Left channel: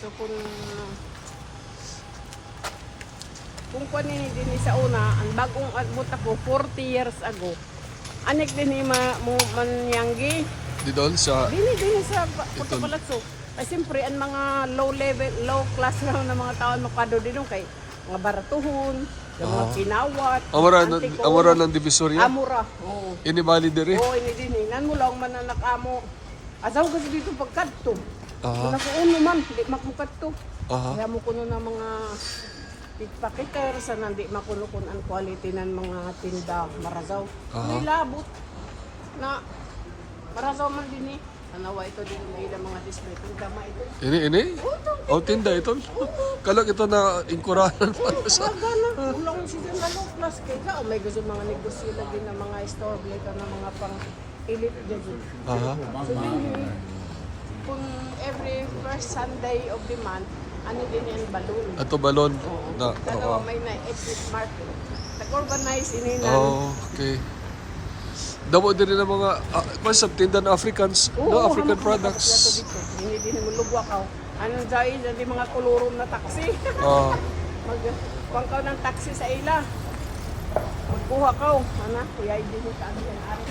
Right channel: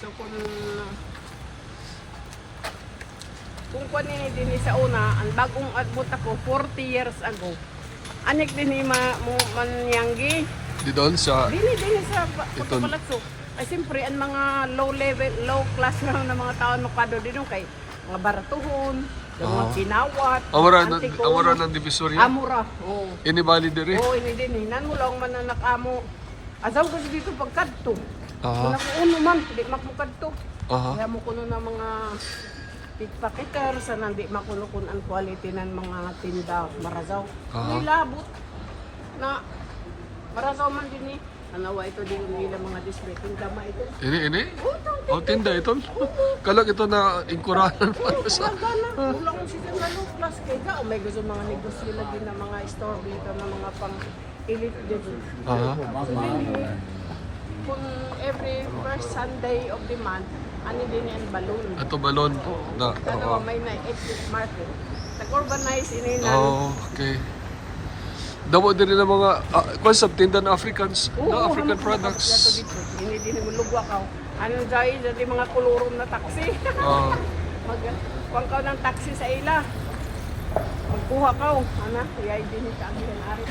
So kung kung kunin din sa una, ang bagong admot ako 40 years ago. Anik din ni ma mo manyanggi. Di doon sa... Dili din sa Ito. Ay siyempre ang mga low level, low class lang ng mga tao makado din kay mga baratuhon, Ah. sinawat, Amara, na, amara ng Divisoria? Amura. Oo. Inibali diri? Oo, ini din eh. Nan mo lang man na nakamo. Asaw ko dito pagkadto. Ko uno man, di makukadto. Aha. Kaya mo kuno ng mga pickpocketer sa nandi makuno kun ang quality ng mga tinda marazaw. Aha. May labot na marazaw man din eh. Nanaway ko din ng mga distrito gamay. Ini, ini? O, tinda ito. Kalag ito na ingkuranan pa sa... Ko siya ng kaya may gusto mga negosyo din ng mga store may mga pang elite din. Aha. Kung every first Sunday of the month, ano din yung balloon. Ato balon. Na, Pero oo. may may exit market. Nag-urbanize ini na. Oh, okay. Damo din ng mga uh, concept tinda ng Africans, no African products. Hindi din lumulugwa ka. Anong dahil hindi mga kulurum na taxi. Ah, Kung ka ng taxi sa ila. Pagkuha ka, anak, kaya din sa amin ang.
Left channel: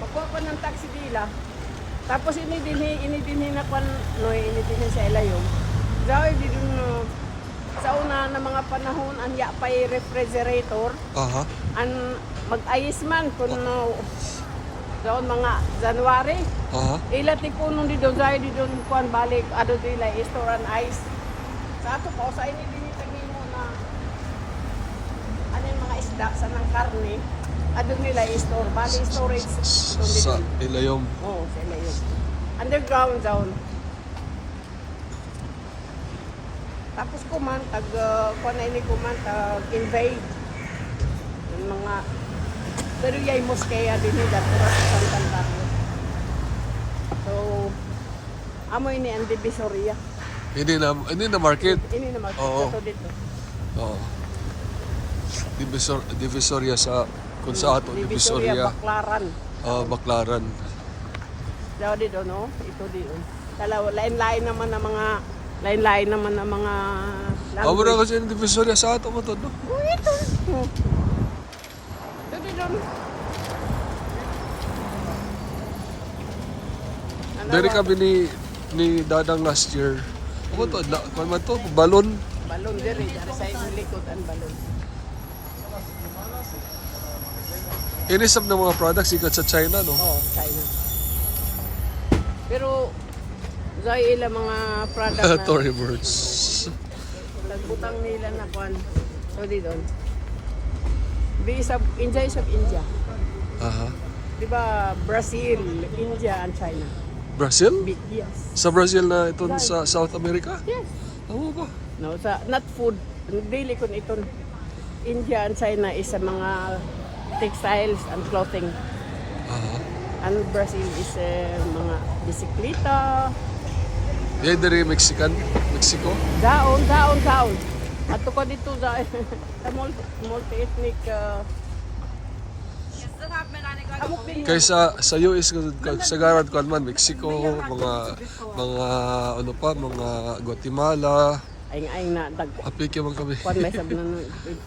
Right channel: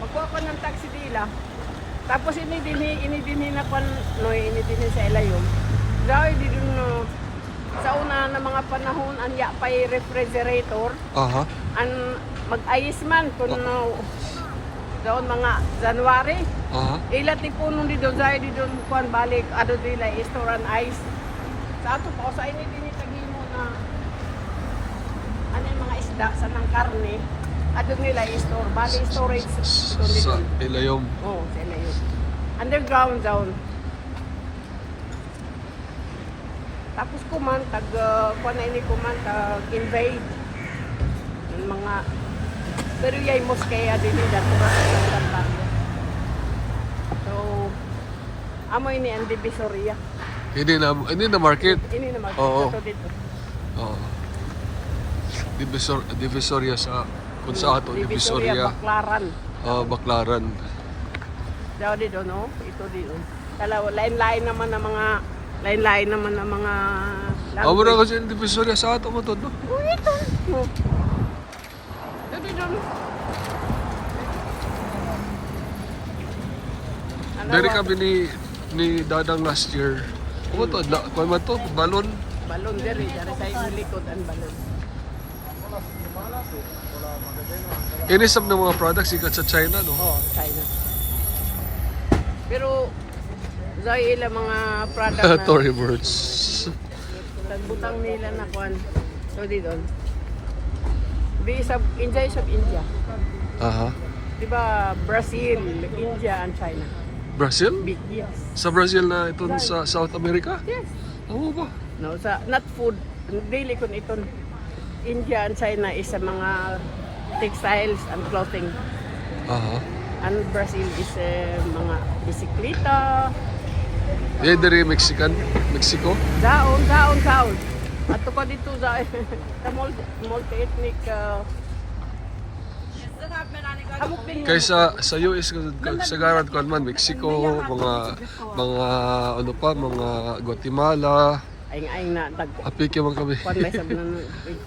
Pagkuha ka ng taxi sa ila. Tapos ini din ini din na pan no ini din sa ila yun. Dahil di dun no, sa una na mga panahon ang ya pay refrigerator aha. ang mag-ayis man kung no, daon mga January. Aha. Ila tipon di doon dahil di doon kuan balik ado nila store and ice. Sa ato pa sa ini din tingin mga ano mga isda sa ng karne. Ado nila store balik storage. Sa ilayom. Yun. Underground down. Tapos kuman tag uh, kuan na ini kuman tag invade yung mga pero yay moskeya din nila. So amo ini ang divisoria. Hindi na, hindi na market. Ini naman Oo. ito dito. Oo. Divisor, divisoria sa kung sa ato divisoria. Baklaran. Ah, Baklaran. Daw dito no, ito dito. Kala lain-lain naman ng mga lain-lain naman ng mga Amo na kasi yung divisoria sa ato mo to, no? Oh, ito. Oh. Ito dito no. Ano Dari kami ni ni Dadang last year. Ano to? Na, kung man to, balon. Balon diri sa likod ang balon. Inisap ng mga products ikat sa China, no? Oh, China. Pero Zoy ila mga product na Tory birds. nagbutang nila na kuan. So dito. Di sa India sa India. Aha. Di ba Brazil, India, and China? Brazil? Big yes. Sa Brazil na ito sa South America? Yes. Ano ba? No, sa not food, daily kun ito India and China is sa mga textiles and clothing. Aha. And Brazil is uh, mga bisikleta, Yan dari Mexican, Mexico. daon, daon, daon. At ko dito sa sa multi, multi-ethnic uh, Kaysa sa US sa garad ko man Mexico, mga mga ano pa, mga Guatemala, aing-aing na dag apike man kami. kwan may sabi ng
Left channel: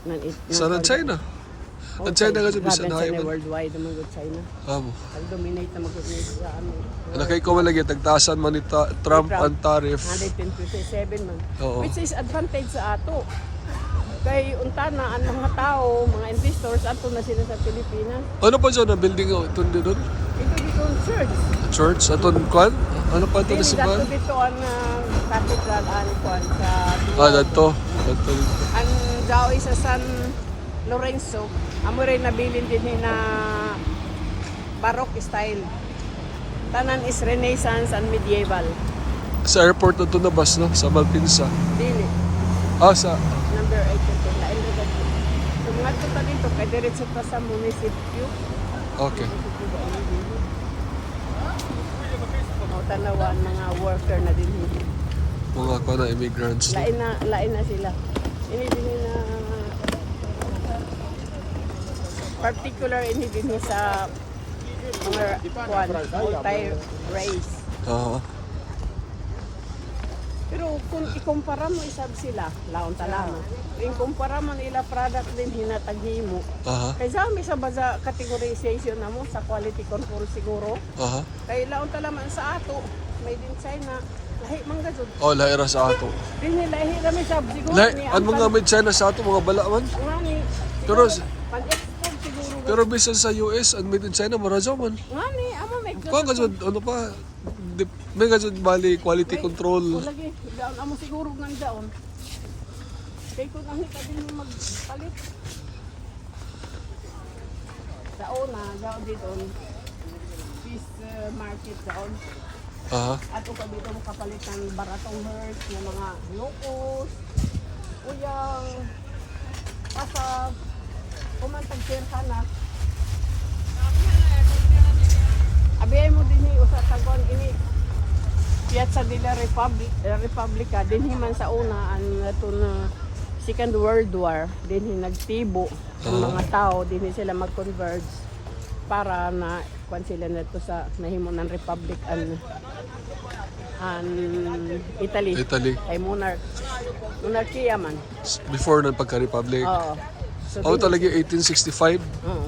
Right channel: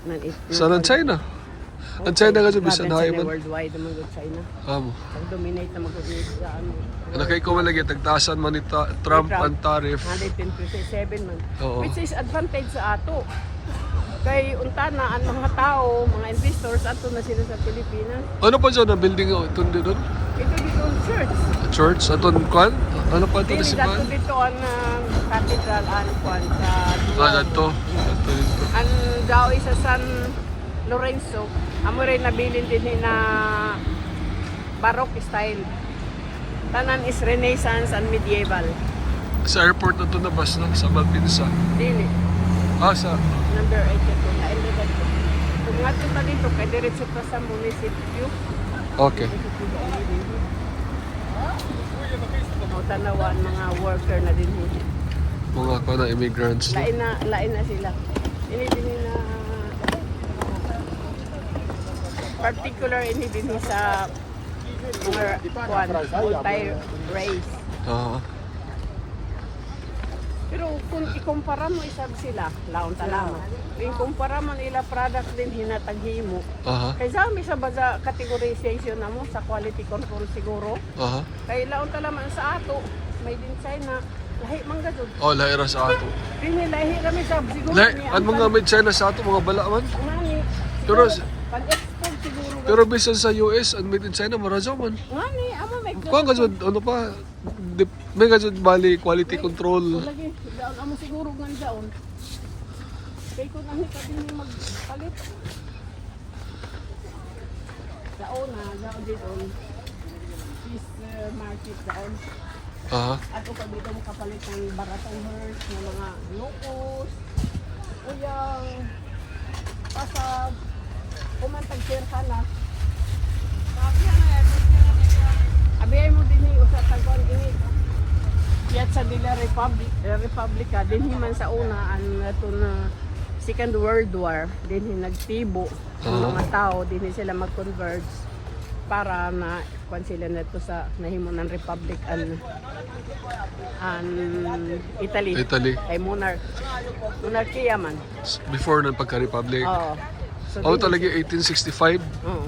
ng Sa ng China. Ang China nga bisan na man. worldwide naman with China. Amo. Ang dominate na sa ano. Nakay ko man lagi tagtasan man ni Trump ang tariff. 127 man. Oo. Which is advantage sa ato. Kay unta na ang mga tao, mga investors ato na sila sa Pilipinas. Ano pa dyan ang building o tundi doon? Ito dito ang church. Church? Aton kwan? Ano pa ito na dito simbahan? dito ang uh, cathedral ano kwan sa Ah, dito. Dito dito. ang daw isa San Lorenzo. Amo rin nabilin din ni na Baroque style. Tanan is Renaissance and medieval. Sa airport na ito na bus, no? Sa Malpinsa. Dili. Ah, sa... Number 8 ito. Kung nga ito dito, kay diretso ka sa munisipyo. Okay. Tanawan mga worker na din dito. Mga ko na immigrants. Lain na, lain na sila. Ini din na particular ini din sa multi-race. Ah. kung ikumpara mo isab sila, laon tanaw. Kung kumpara mo nila product din hinataghimo. Aha. Kay sa sa baza categorization na mo sa quality control siguro. Aha. Kay laon talaman sa ato, may din na lahi man gadud. Oh, lahira sa ato. Kini lahi ra mi sab siguro Lah, ni ang mga China sa ato, mga bala man. ngani. Pero- pag Pero bisan sa US, ang made in China, marajaw man. ngani amo may Kuha ka dyan, ano pa, di, may dyan bali, quality control. lagi daon amo siguro ngan daon. Kay ko nang hita din magpalit. Sa una, daon dito fish uh, market daon. Aha. At ikaw dito mo kapalit ng baratong herbs ng mga locos, uyang, pasag, kumantag ka na. Abiyay mo din yung sa tagon ini. Piazza della Republic, eh, Republica, din man sa una ang ito na Second World War, din nagtibo ang mga tao, din sila mag-converge para na kwan sila na to sa nahimo ng Republic an an Italy Italy. ay monarch monarkiya man Before ng pagka-republic. oo Oh, talaga 1865. oo.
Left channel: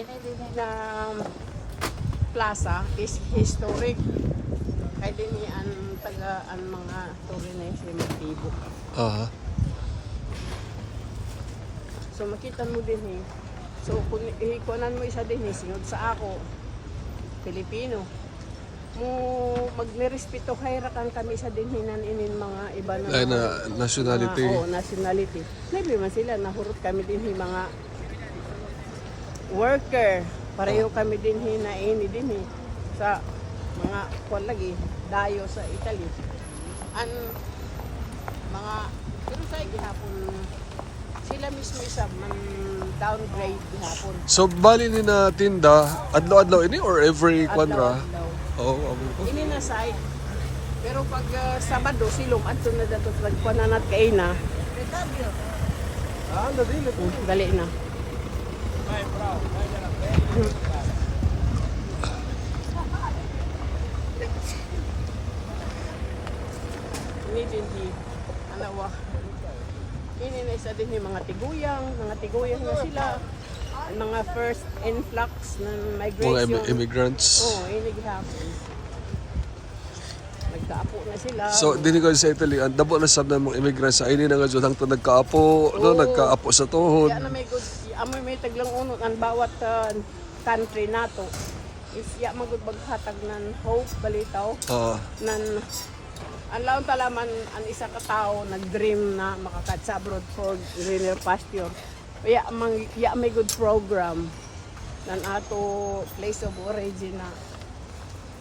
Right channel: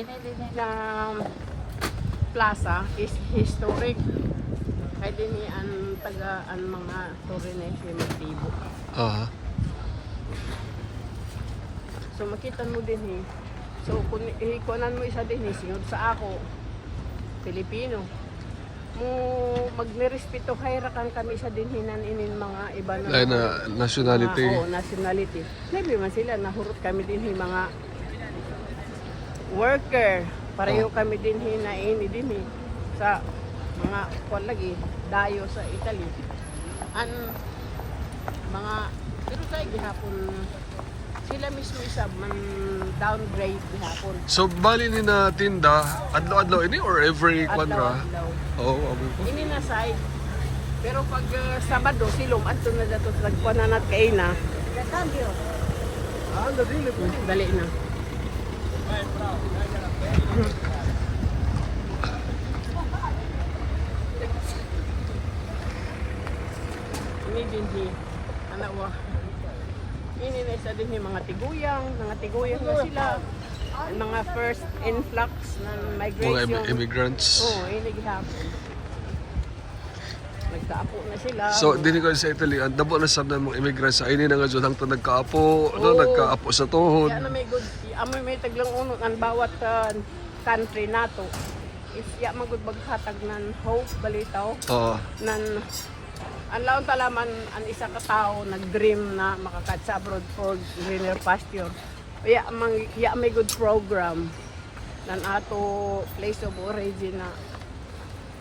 ini din na plaza is historic kay din ang taga ang mga foreigners yung motibo Aha. So makita mo din eh. So kung ikuanan mo isa din eh, singod sa ako, Pilipino. Mo magnirespeto hayrakan kami sa dinhinan inin mga iba na Ay na nationality. mga, oh, nationality. Maybe man sila nahurot kami din eh, mga worker. Pareho kami din hina ini din eh, sa mga kwan lagi dayo sa Italy. Ang mga insay ginapon sila mismo isa man downgrade ginapon. So, bali ni na tinda, adlaw-adlaw ini or every kwanra? Oo, oh, amo ko. Hindi na side. Pero pag uh, Sabado silong adto na dato nagpananat kay na. Ah, dali po. Dali na. Ini na isa din yung mga tiguyang, mga tiguyang na sila. Mga first influx ng Mga migration. im- immigrants. Oo, oh, gihapon. Nagkaapo na sila. So, dili ko sa Italy, ang dabo na sab na mga immigrants sa ini na nga jud hangtod nagkaapo, no, nagkaapo sa tuhod. Yan may good, amoy may taglang uno ang bawat uh, country nato. Is ya magud maghatag ng hope balitaw Oo. nan ang laon talaman ang isa ka tao nag-dream na makakat sa abroad for greener pasture. Ya mang ya may good program nan ato place of origin na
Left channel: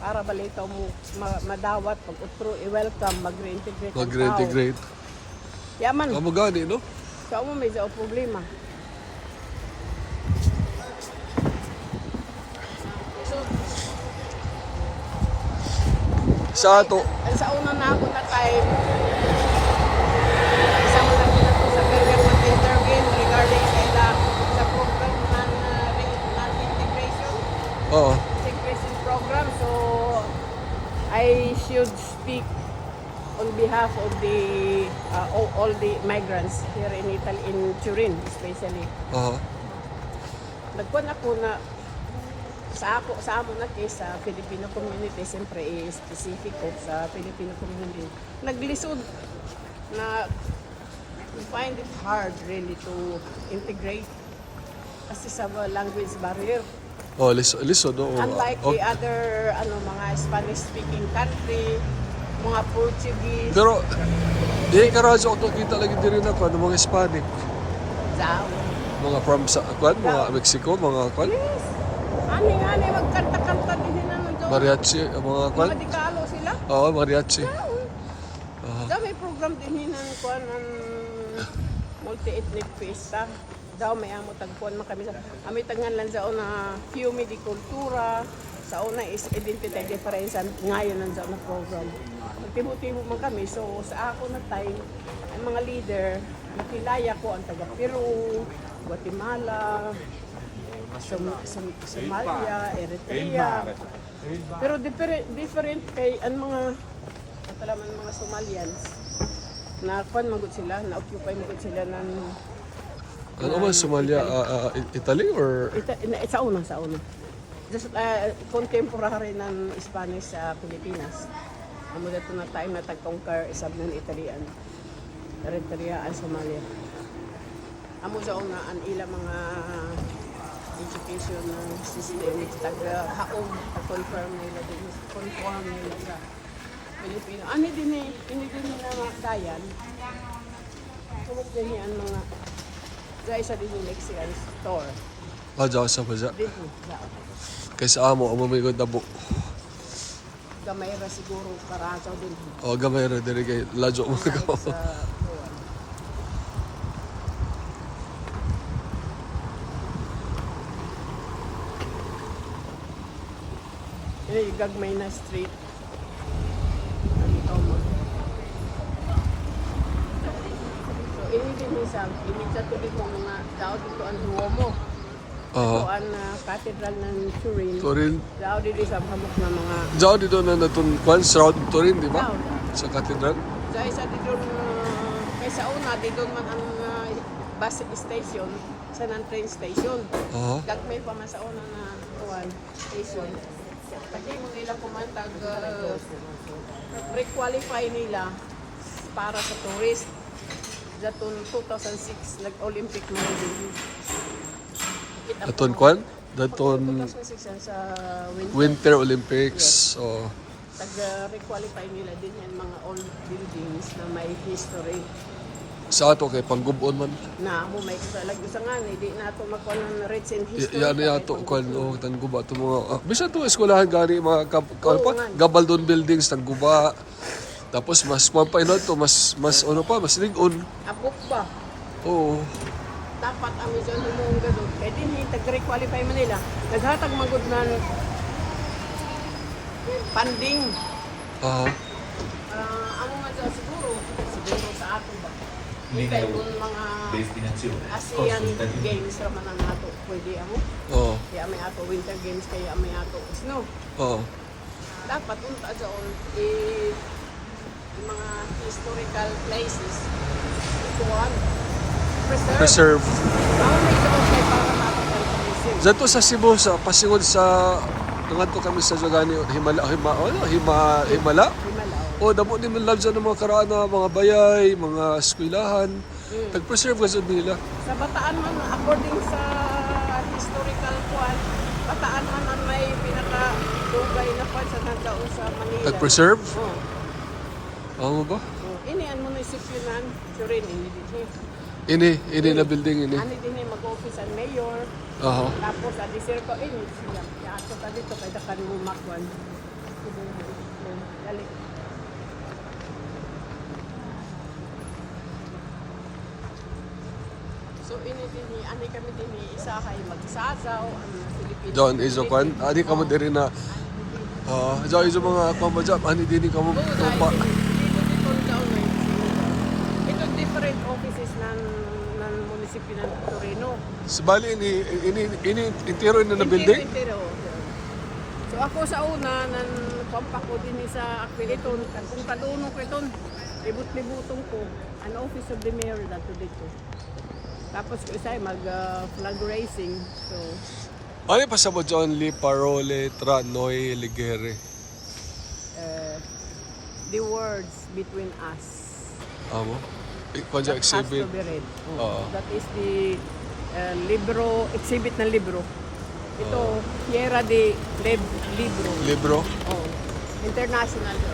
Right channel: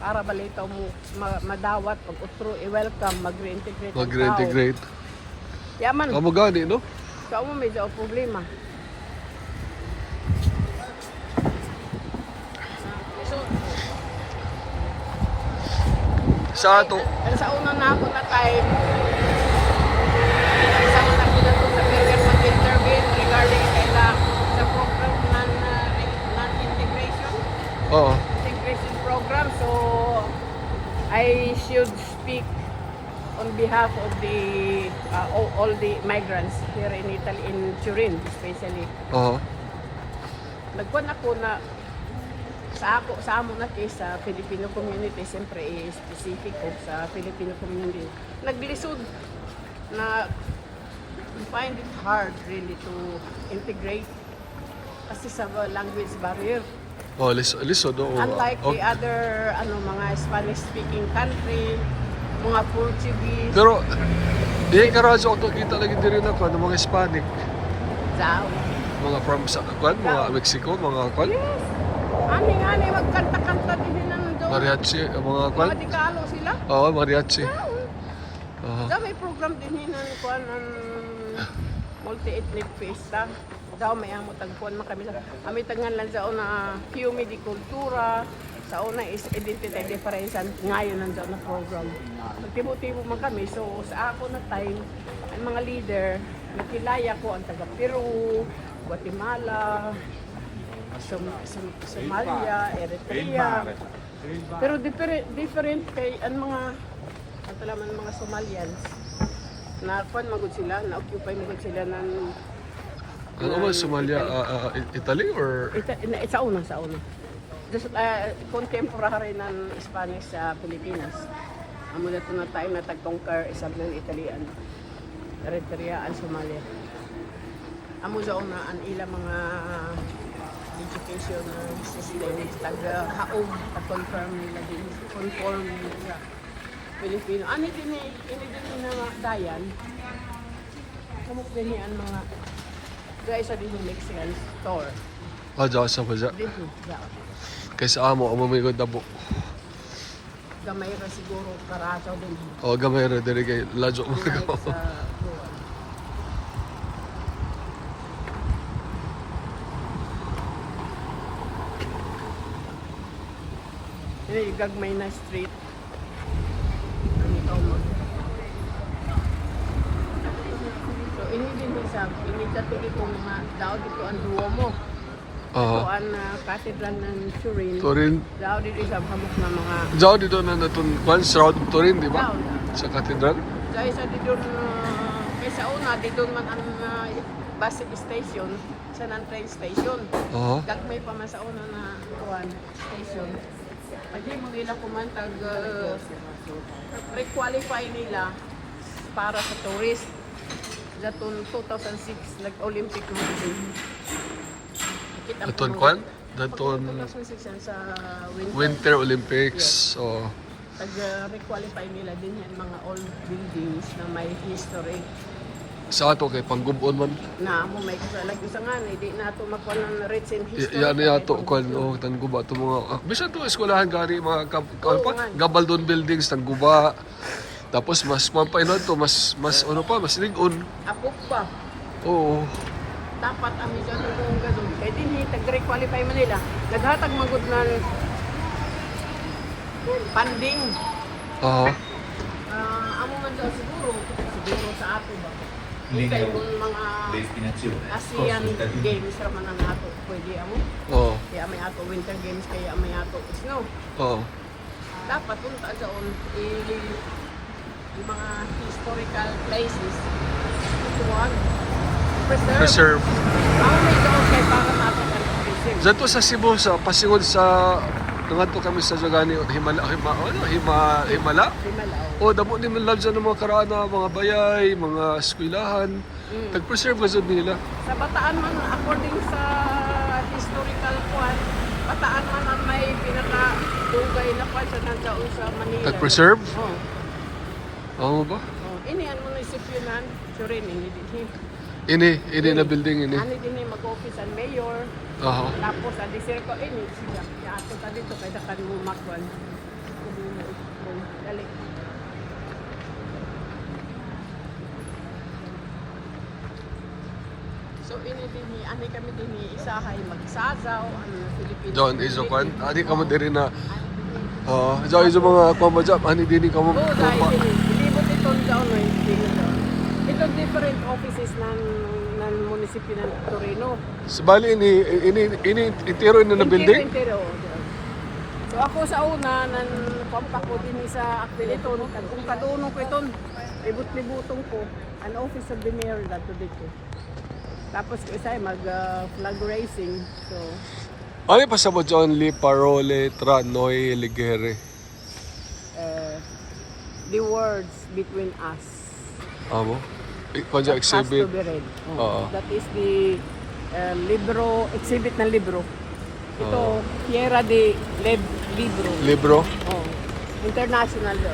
para balitaw mo ma- madawat pag utro i-welcome mag-reintegrate ang tao. Mag-reintegrate. Ya man, Amo gani, no? sa mo may sa problema. Sa ato, sa unang na ako na time, isang lang na ako sa Vegas at interview regarding sa ila sa program ng uh, re- ng integration, oo. integration program. So, I should speak on behalf of the uh, all, all the migrants here in Italy, in Turin especially. Oo. Nagkuhan ako na sa ako sa amo na kay sa Filipino community siyempre eh, specific ko sa Filipino community naglisod na we find it hard really to integrate kasi sa language barrier Oh, liso, liso, no? Oo. unlike Oh, the other ano mga Spanish speaking country mga Portuguese Pero, di ka radyo ako kita lagi din rin ako, ng mga Hispanic. sa Mga from, sa, kwan, mga Mexico, mga kwan, yes ani ani magkanta-kanta din ng mariachi, mga kwan. mga Tagalog sila Oo, mariachi. Aha. Daw may program din ng kuan ng multi-ethnic fiesta. Daw may amo tagkuan man kami sa kami tangan lang sa una Fiume di Cultura. Sa una is identity difference and ngayon nan sa una program. Nagtibo-tibo man kami so sa ako na time ang mga leader nakilaya ko ang taga Peru, Guatemala, Som- Som- Somalia, Eritrea, Pero different, different kay ang mga ang talaman mga Somalians na kwan magod sila, na occupy magod sila ng Ano ba Somalia? ah, ah, Italy or ita, na, sa una sa una. Just, uh, contemporary ng Spanish sa Pilipinas. Amo na na time na tag-conquer isang ng Italian. Eritrean, Somalia. Amo sa una ang ilang mga education ng system tag-haog conform nila din. Conform nila Pilipino. Ano din eh, ini din nila nga dayan. Ano din ang mga Dahil sa din yung Mexican store. ah, dyan sa Paja? Dito. Yeah. Kaysa amo, amo may dabo. Gamay ra siguro karaso din. O gamay ra diri kay ladyo mo Sa, ko. Eh, gagmay na street. So, ini din din sa, ini sa tuloy ko mga daw dito ang Duomo. Ah, Kuan na cathedral ng Turin. Turin. Daw dito sa hamok na mga Diyan dito na natun kwan shroud Turin, di ba? Sa katedral. Sa isa dito, kaysa una, dito man ang uh, bus station, sa ng train station. Oo. Gagmay pa man sa una na kuan station. Kasi mo nila kumantag, uh, re-qualify nila para sa tourist. Datong 2006, nag-Olympic na. Daton kwan? Daton 2006 yan sa winter. Olympics. Oh. Nag-requalify nila din yung mga old buildings na may history. Sa ato kay panggubon man. na mo may kasalag isa nga hindi na ito makuha ng rich in Y- history. yan na yato kwan oh tangguba to mga ah, bisan to eskwelahan gani mga kap, ano pa gabaldon buildings tangguba. Tapos mas mampainod to mas mas ano pa mas ligon. Ako pa. Oo. Dapat ang isa na yung ganun. Kaya din hindi tag-requalify man nila. Naghatag mo good na funding. Aha. Ah, amo nga dyan siguro. Siguro sa ato ba? linea Kaya yung mga destinazione. ASEAN games naman ang ato. Pwede ano? Oo. Kaya may ato winter games kaya may ato snow. Oo. dapat kung taon eh, yung mga historical places ito ano preserve Reserve. Ano ito ang kaya para natin ang preserve Dito sa Cebu sa pasingon sa Tungan kami sa Jagani Himala Hima ano Hima Himala. Himala O damo ni man love sa mga karaan na mga bayay, mga eskwelahan. Tag-preserve kasi nila. sa Bataan man according sa historical kwan Bataan man ang may pinaka dugay na pa sa nandao sa Manila Tag-preserve? oh. Oo ba? oh. ini ang munisipyo nan Surin ini din Ini, ini na building ini. ani din mag-office ang mayor Aha. Tapos sa dessert ko, eh, ako pa dito, kaya dakan mo makwan. So, ini din, ani kami din, isahay magsasaw, ano, Filipino. John Izokwan. Ani ka mo diri na Ah, uh, iso mga kwamba ani dini ka mo tupa. Ito different offices ng ng munisipyo ng Torino. Bali ini ini ini intiro na na building. So ako sa una, nan kompak ko din sa Aquiliton, kung kadunong ko iton, libut-libutong ko, an office of the mayor dato dito. Tapos ko isa mag uh, flag racing. So, Ano pa sa mo John Lee Parole Tranoy Ligere? uh, the words between us. Amo. Has to exhibit. be read. Mm. Oo. That is the uh, libro, exhibit ng libro. Ito, Fiera de Lib Libro. Libro. Oh, international to.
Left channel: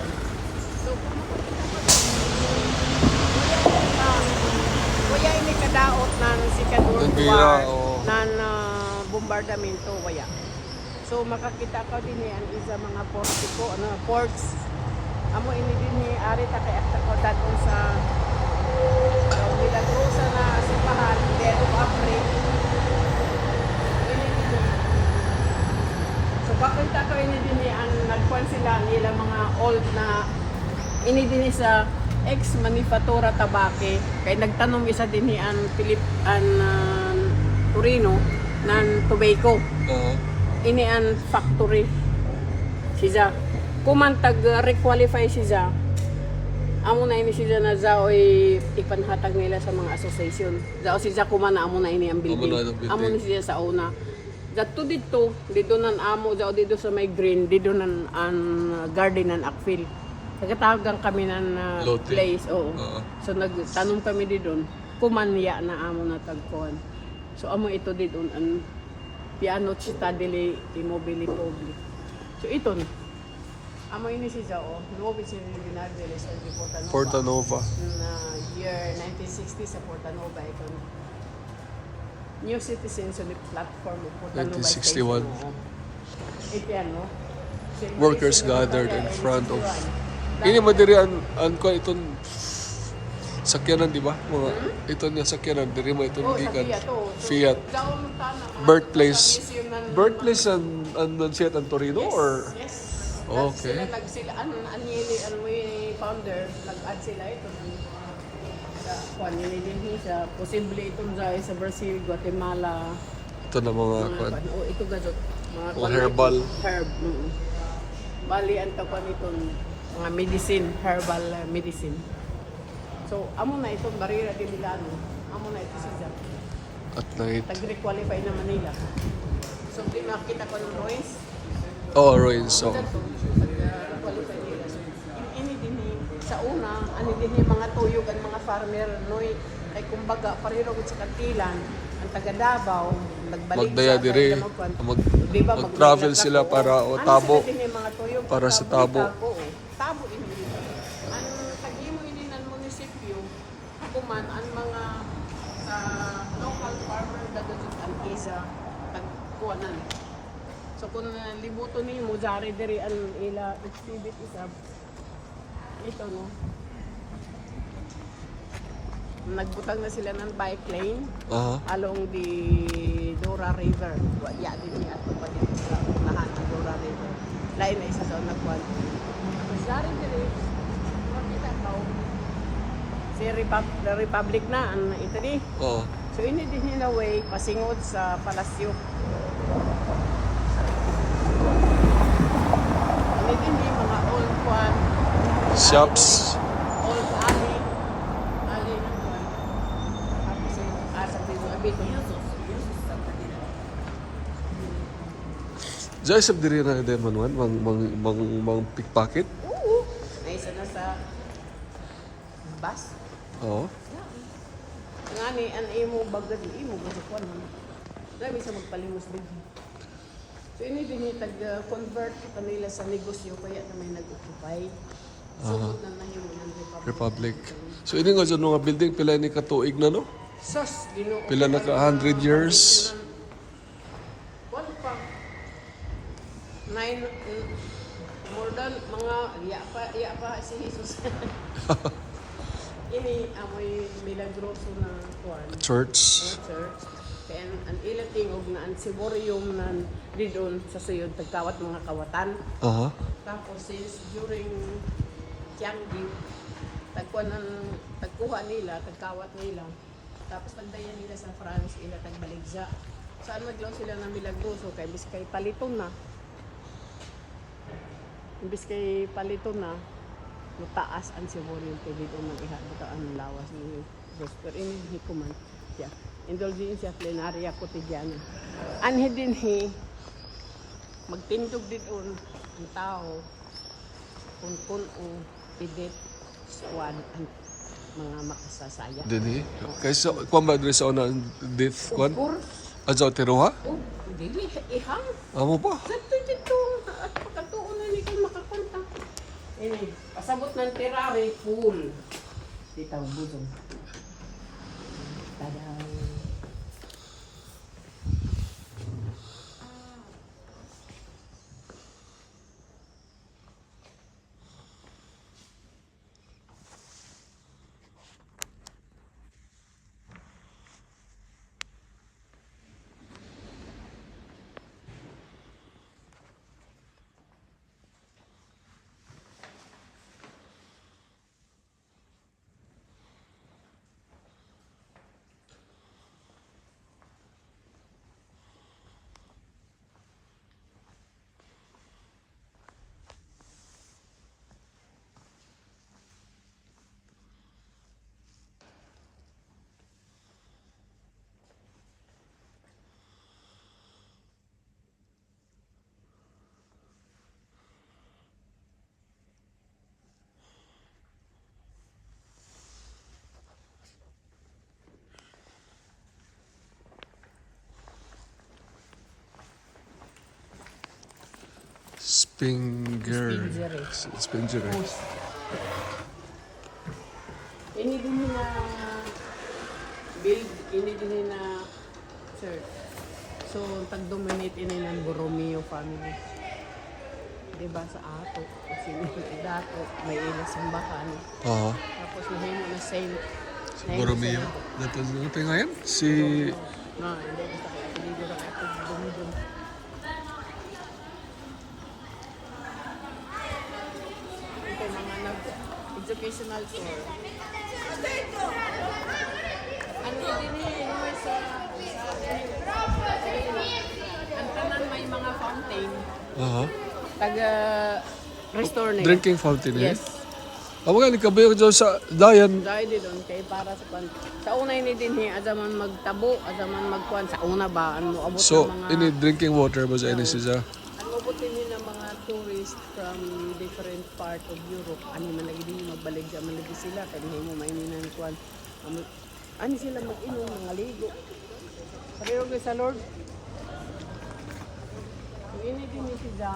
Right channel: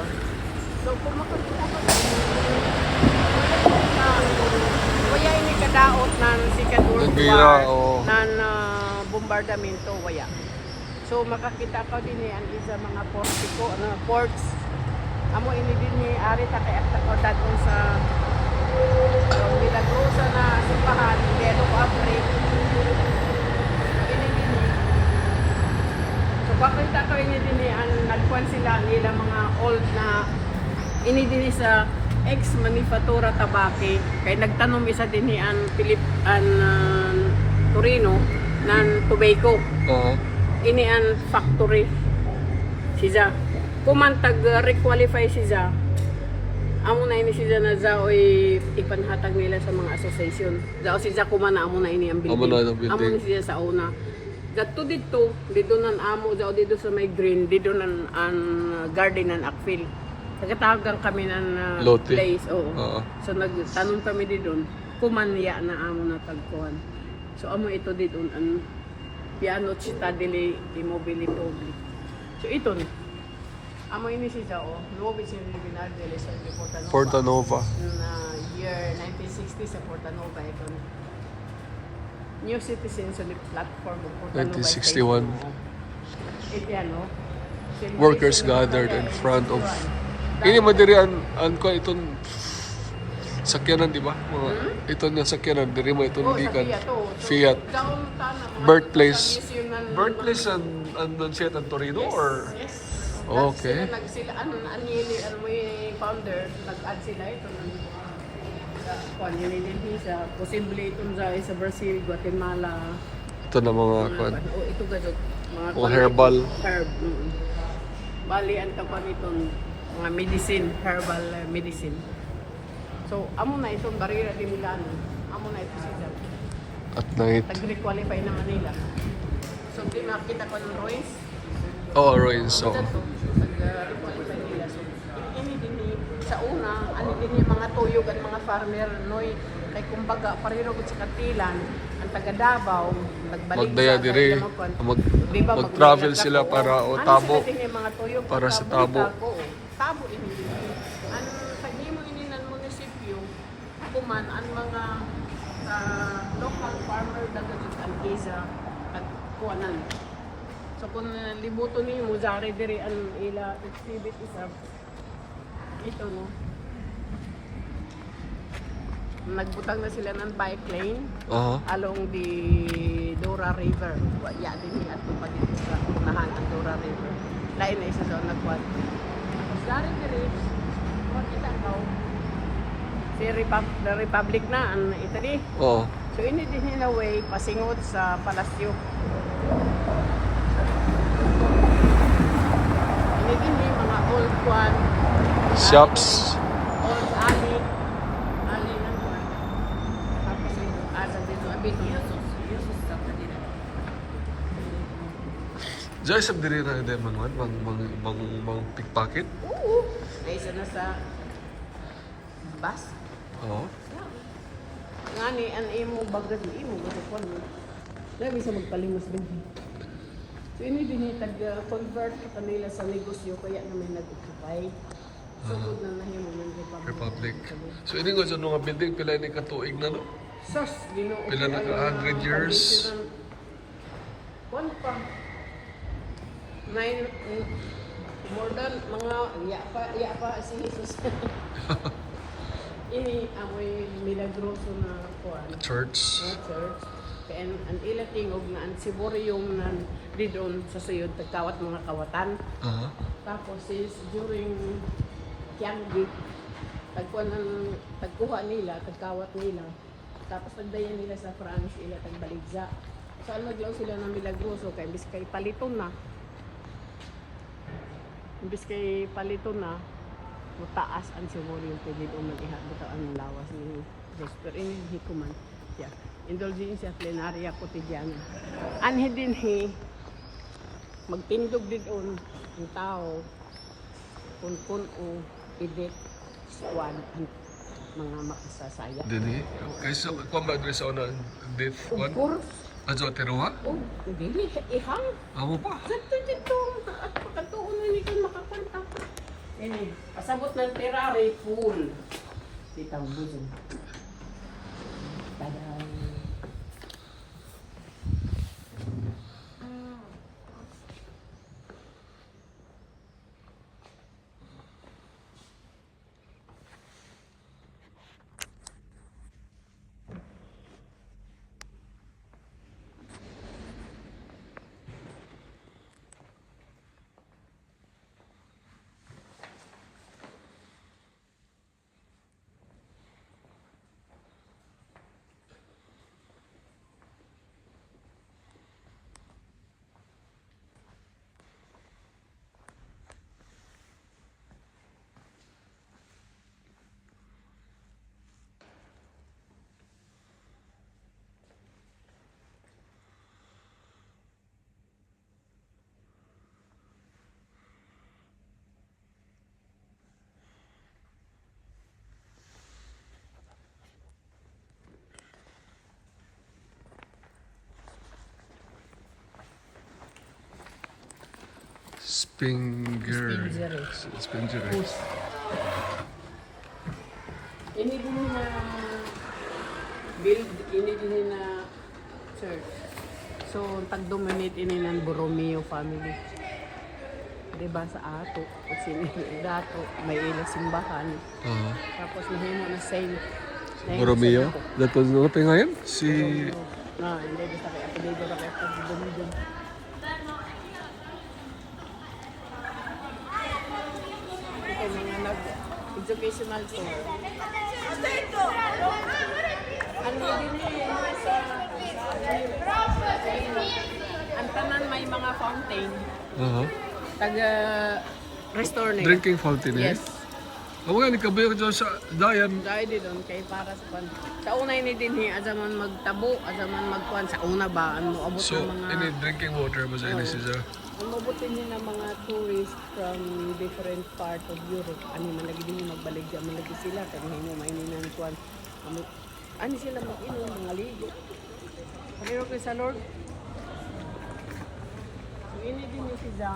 Kuya ini kadaot ng world Ng war oo. ng uh, bombardamento waya. So makakita ko din ni andi sa mga portiko, ano, ports. Amo ini din ni ari ta kay akta ko daton sa uh, Milagrosa na Sipahan, Dead of April. Ini din So bakit ako ini din ni ang nagkuhan sila nila mga old na ini din sa ex Manifatura Tabake. Kay nagtanong isa din ni an Philip an uh, Torino ng tobacco Ah. ini an factory. Siya kumantag uh, requalify siya amo na ini siya na zao ay ipanhatag nila sa mga association. Zao siya kumana amo na ini ang building Amo na ang building. amo ni siya sa una. Gato dito, dito nan amo, dito sa may green, dito nan ang garden ng Akfil. Nagkatawagan kami ng uh, Lote. place, oo. Oo. So nagtanong kami dito, kumanya na amo na tagkuhan. So amo ito dito ang piano città delle immobili public. So ito na. Amo ini siya oh, nuovi si Luminar delle Sorti Portanova. Portanova. Na year 1960 sa Portanova ito. New citizen sa the platform of Portanova. 1961. Ito yan, no? Workers gathered in front of Ini madiri an an ko itong sakyanan di ba? Mga ito niya sakyanan diri mo itong gikan Fiat birthplace birthplace an an an Fiat ang Torino or. Okay. Sila, nag- sila, ano, ano yun, eh, founder, nag-add sila ito. Kung yun yun siya, posible itong sa, sa Brazil, Guatemala, ito na mga kwan. oh, ito gadget. O herbal. Herb. mm. Bali, ang tapan itong mga medicine, herbal uh, medicine. So, amo na itong barira de Milano. Amo na ito siya. at night. Nag-requalify na Manila. So, tinakita ko ng voice. Oh, Ini din sa una, ano din yung mga tuyog at mga farmer, noy, like kumbaga, pareho gid sa Katilan, ang taga Davao, magdaya Dagupan. mag Di ba, mag-travel magdaya sila para o Ano tabo. para sa eh. Tabo ini. Ano, kahimo ini ng munisipyo, ako man, ang mga ah, local farmer na dito sa Algeza, at kuwanan. So kung uh, libuto niyo mo, jari diri ang ila exhibit isa, ito no. Nagbutang na sila ng bike lane Aha. along the Dora River. Ya, di at pa dito sa lahat ng Dora River. Lain na isa daw nagbuhat. Laro diri, makita ko, si Repub- the Republic na, ang Italy. Oo. So ini din nila way pasingod sa palasyo. Shops. sa. Diyan sa diri na ide manuan mang mang mang, mang pickpocket. Oo. Dahil sila sa bus. Oo. Nga ni, an imo bagad ni imo, ito ko mo. Dami sa magpalimos din. Din yung nila sa negosyo kaya nila nagkakapay. So mga Republic. So ini nga dyan mga building pila ni katuig na no? Lino. Pila na ka 100 years. Kung pa, nine, more than mga, iya pa, iya pa si Jesus. Ini ang may milagroso na. Church. church. Kaya ang ila tingog na ang siborium na di doon sa suyod tagkawat mga kawatan. Aha. Tapos is during Tianggit, tagkuhan ng tagkuha nila, tagkawat nila. Tapos pagdaya nila sa France, ila tagbaligza. Saan mo diyon sila ng milagroso kay bis kay palito na. Imbis kay palito na, yung taas ang siborium kay di doon mag-ihabot ang lawas ng Diyos. Pero ini hikuman. Yeah. Indulgensya plenaria kotidiana. Anhi din hi, magtindog din un ang tao kung kung ang idit siwan ang mga makasasaya. Dini. Kaysa kuan ba diri sa una? Pur, Adto tiruha? oh, dili, ihang. Amo pa. Santo dito, at katuon na ni kayo makapanta. Ini, pasabot ng terare, pool. Dito, buzong. 拜拜。Spinger. Spingere. Spingere. Ini din na build, ini din na church. So, pag-dominate ini ng Borromeo family. Diba sa ato, kasi nila ato, may ilang simbahan. Oo. Tapos hindi na saint. Borromeo. Dato ano pa ngayon? Si... Na, hindi hindi ba ako gumudon. Ito mga nag-educational center. Ang tanan may mga fountain. Aha. Taga yun. Drinking fountain eh. Amo nga, nikabayo ko dyan sa dayan. Dahil doon kay para sa pan. Sa una ini din hi azaman magtabo, azaman magkuan sa una ba ano abot So, mga ini drinking water ba sa ini siya? abot nila mga tourists from different part of Europe. Ano man lagi din nagbalik dyan, malagi sila kay hingo maininan ng kuan. Ano, ano sila mag-inom, mga ligo. Pero kay sa Lord, kung ini din ni siya,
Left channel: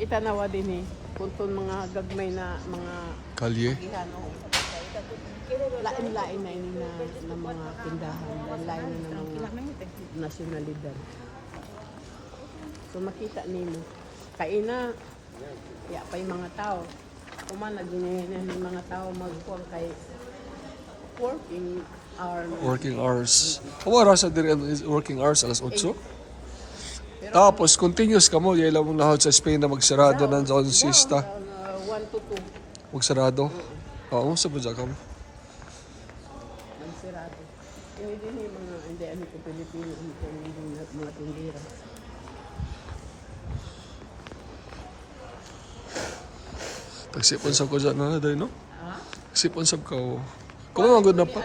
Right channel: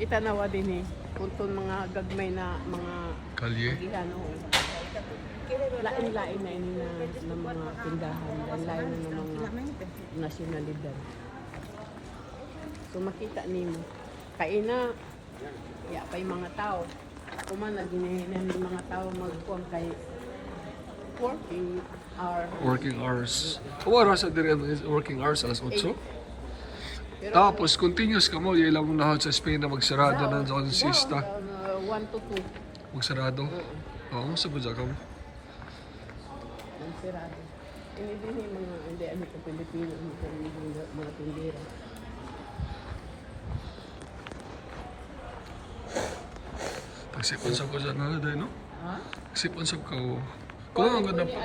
itanawa din eh, kung itong mga gagmay na mga Kalye. lain-lain na yung mga tindahan, lain nasyonalidad. So makita nimo kay na ya kay mga tao kuman na ginahinan ng mga tao magkuhan kay working hour Working hours. Kamu rasa diri ang is- working hours alas 8? Tapos, continuous ka mo. Ilang mong lahod sa Spain na magsarado ng zone sista. 1 to 2 Magsarado. Oo, sa ba ka mo? ang sirado. Hindi din yung mga hindi ano ko Pilipino hindi mga tindera. Tagsipon sa ko dyan na dahil, no? Sipon sa ko. Good na pa.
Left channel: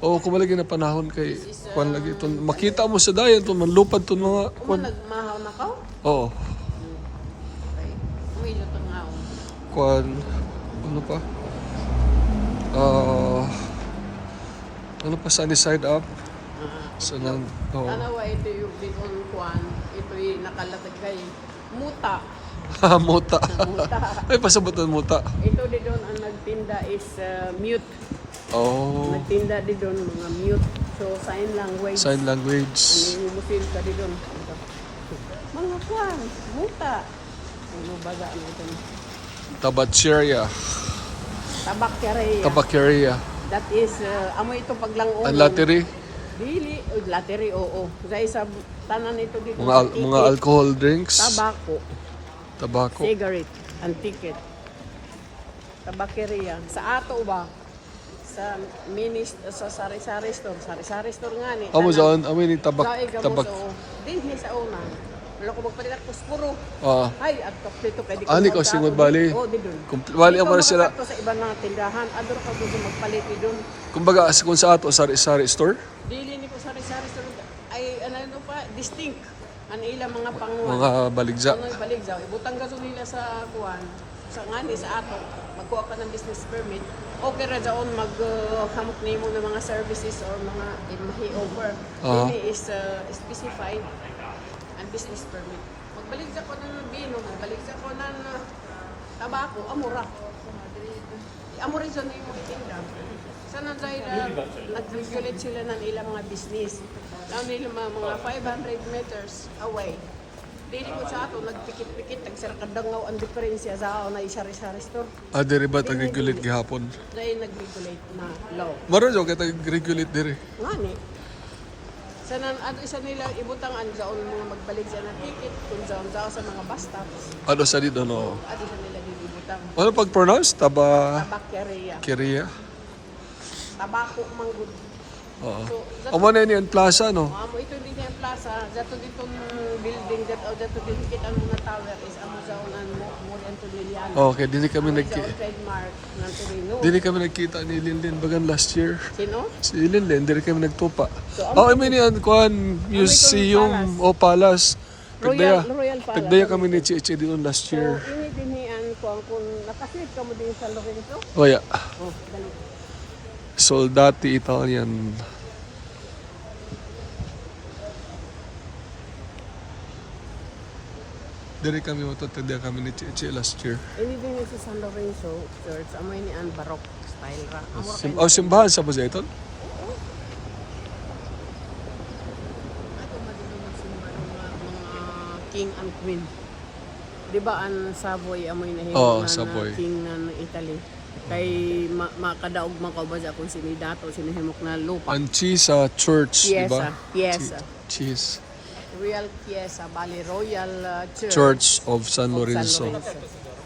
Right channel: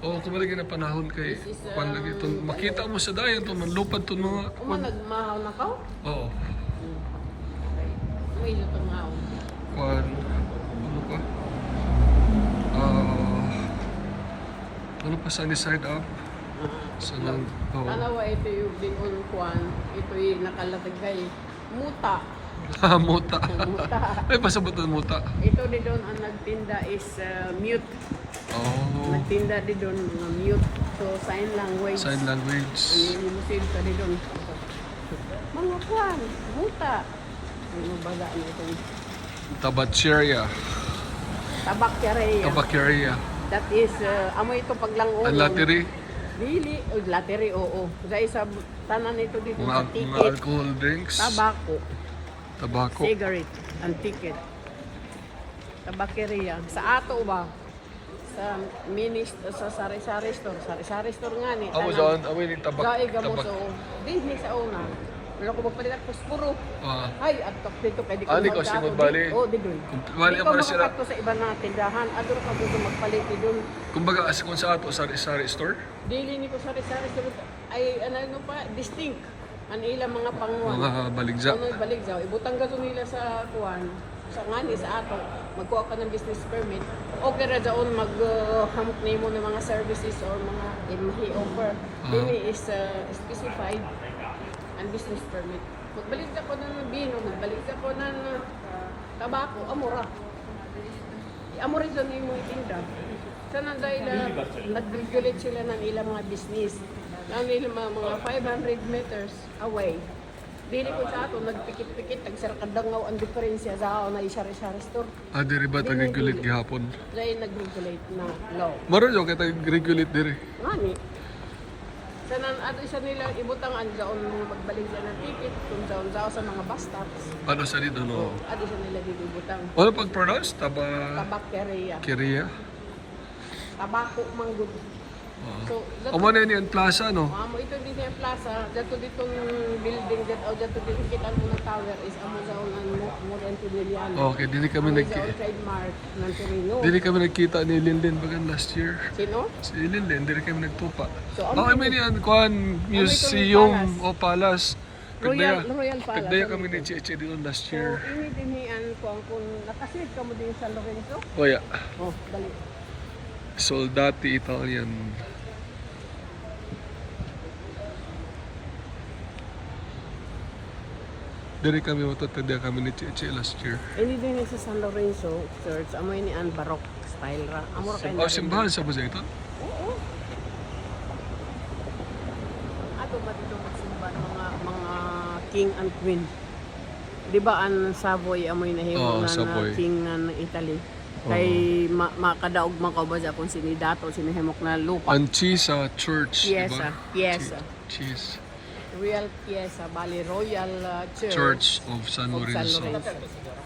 Oo, kung malagi na panahon kay kwan lagi ton makita mo sa dayan ton manlupad ton mga kwan. Oo. Kwan ano pa? Ah ano pa sunny side up? Sa nang oo. Ano ito yung bigong kuan, ito yung nakalagay kay muta. muta. Ay pasabot ng muta. Ito din doon ang nagtinda is uh, mute. Oh. Nagtinda din doon mga mute. So sign language. Sign language. Yung musin ka din doon. Mga kuan, muta. Ano baga ito? Tabacheria. Tabak kere. Tabakeria. That is, uh, amo itong paglangon. Ang lattery. Dili, o lattery, oo. Sa isa, tanan ito dito. Mga al- mga alcohol drinks. Tabako. Tabako. cigarette and ticket. Tabakeria. Sa ato ba? Sa minis, sa sari-sari store. Sari-sari store nga ni. Amo sa amin yung tabak Laig tabak. So, Disney sa una. Ano ko magpalikat ko siguro. Ah. Ay, at dito pwede ko singod bali. Oo, di doon. Kung wali ang para sila. Sa ibang nga tindahan. Andun ko pwede magpalit doon. Kumbaga as kung sa ato sari-sari store, Dili ni ko sari-sari store. Ay, ano ano pa? Distinct. Ang ilang mga pang... mga baligja. Ano balik sa butang ka sumila sa kuan sa ngani sa ato magkuha ka ng business permit okay ra daon mag uh, hump nimo ng mga services or mga imahe offer. Aha. Dili is uh, specified ang business permit. Magbalik ka po ng bin magbalik ka po ng uh, tabako amura. Amura sa nimo tinda sana dahil uh, nag-regulate sila ng ilang mga business. Ang ilang mga 500 meters away Dili ko sa ato, nagpikit-pikit, nagsarkadangaw ang diferensya sa ako na isa-isa store. Ah, diri ba tag-regulate gihapon? Dahil nag-regulate na law. Maro jo kay tag-regulate diri. Ngani? Sa nan ato isa nila ibutang ang sa mo magbalik sa ng ticket, kung sa sa mga bus stops. Ano sa dito no? Ato sa nila ibutang. Ano pag pronounce taba Bakyaria. Kiria? Abako manggod. Oo. Amo na ni ang plaza no. Amo ito din yung plaza, dato dito yung building dato dato dito kita ang mga tao is ang sa mga Antonian. Okay, dili kami nag Trademark ng Torino. dili kami nagkita ni Linlin bagan last year. Sino? Si Linlin, dili kami nagtupa. Oh, I mean yan, kuan, museum o palace. Pagdaya, Royal- Palace. pagdaya kami ni Chichi doon last So, year. ini dinihan ko ang kung nakasit ka mo din sa Lorenzo. Oh yeah. Oh, dali. Soldati Italian. Diri kami matutudya kami ni Chichi last year. Ini din sa San Lorenzo Church, amoy ni an baroque style rap. Oh, simbahan sa ba siya ito? king and queen. Di ba ang Savoy amoy na Oo, nga Savoy. king ng Italy. Kay ma makadaog man ka ba sa kung sinidato sinihimok na lupa. Ang Chisa Church, di Chiesa, ba? Chiesa. Chi- Cheese. Real Chiesa, Bali Royal uh, Church. Church of San San Lorenzo. Lorenzo.